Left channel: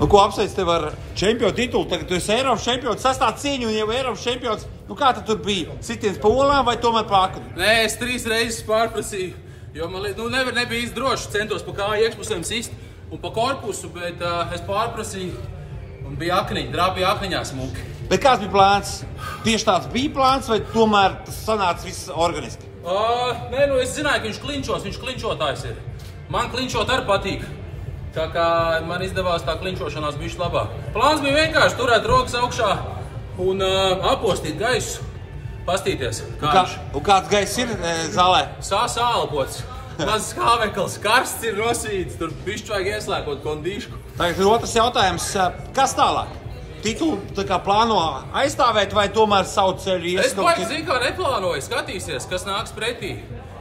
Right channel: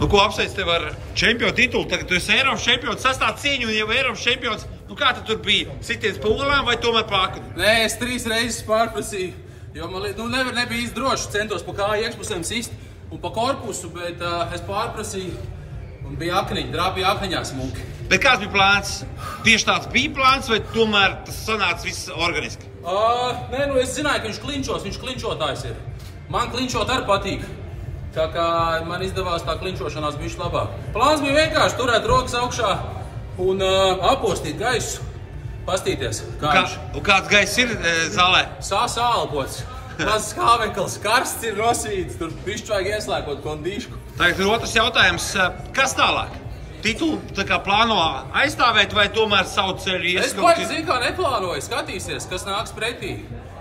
Nu, ko apsveic tev ar čempionu titulu? Tagad tu esi Eiropas čempions, sastāv cīņu un jau Eiropas čempions. Nu, kā tu tur bija? Sitiens pa olām vai tomēr pa akni? Nē, es 3 reizes pārprasīju, jo man nebija īsti droši. Centos pa kāju iekšpusēm sist un pa korpusu, bet es pārprasīju un bija akniņi, drāpīja akniņā smuki. Bet kāds bija plāns? Tieši tāds bija plāns vai tomēr tas sanāca viss organiski? Nē, nu es zināju, ka viņš klinčotājs ir. Man klinčot arī patīk. Tā kā man izdevās tā klinčošanās bišķi labāk. Plāns bija vienkārši turēt rokas augšā un apostīt gaisu, pastīties, kā viņš. Un kāds gaiss ir zālē? Sālpots, mazs kāveklis, karsts ir rosīts, tur bišķi vajag ieslēkot kondīšku. Tagad otrs jautājums, kas tālāk? Titulu tā kā plāno aizstāvēt vai tomēr savu ceļu ies? Es baigi zinu, kā neplānoju, skatīsies, kas nāks pretī.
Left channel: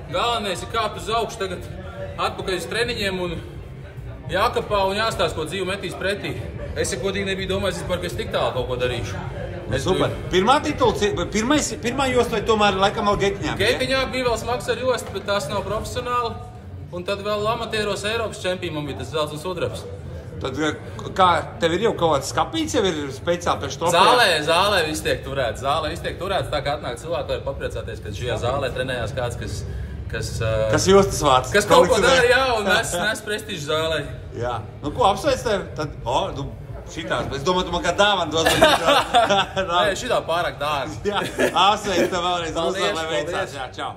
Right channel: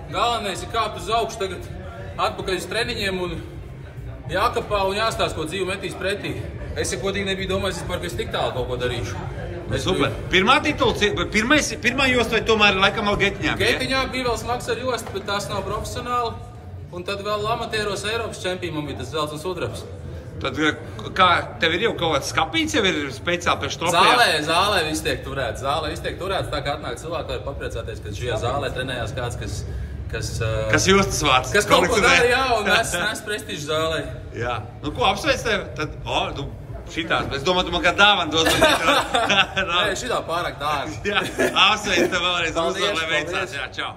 Galvenais ir kāpt uz augšu tagad atpakaļ uz treniņiem un jākapā un jāstāsta, ko dzīve metīs pretī. Es, ja godīgi nebiju domājis, ka es tik tālu kaut ko darīšu. Super. Pirmā titula, pirmā josta vai tomēr laikam vēl Getiņā? Getiņā bija vēl smags ar jostu, bet tas nav profesionāli. Un tad vēl amatieros Eiropas čempionam bija tas zelts un sudrabs. Tad kā tev ir jau kaut kāds skapīts, jau ir speciāli pēc trofejām? Zālē viss tiek turēts. Tā kā atnāk cilvēki, var papriecāties, ka šajā zālē trenējās kāds, kas jostas vāc. Kas kaut ko dara, jā, un nes prestižu zālē. Jā. Nu, ko apsveic tev? Tad, šitās, bet es domāju, tu man kā dāvanu dos. Nē, šitā pārāk dārga. Jā, apsveic tev vēlreiz uzvaru, lai veicās. Jā, čau.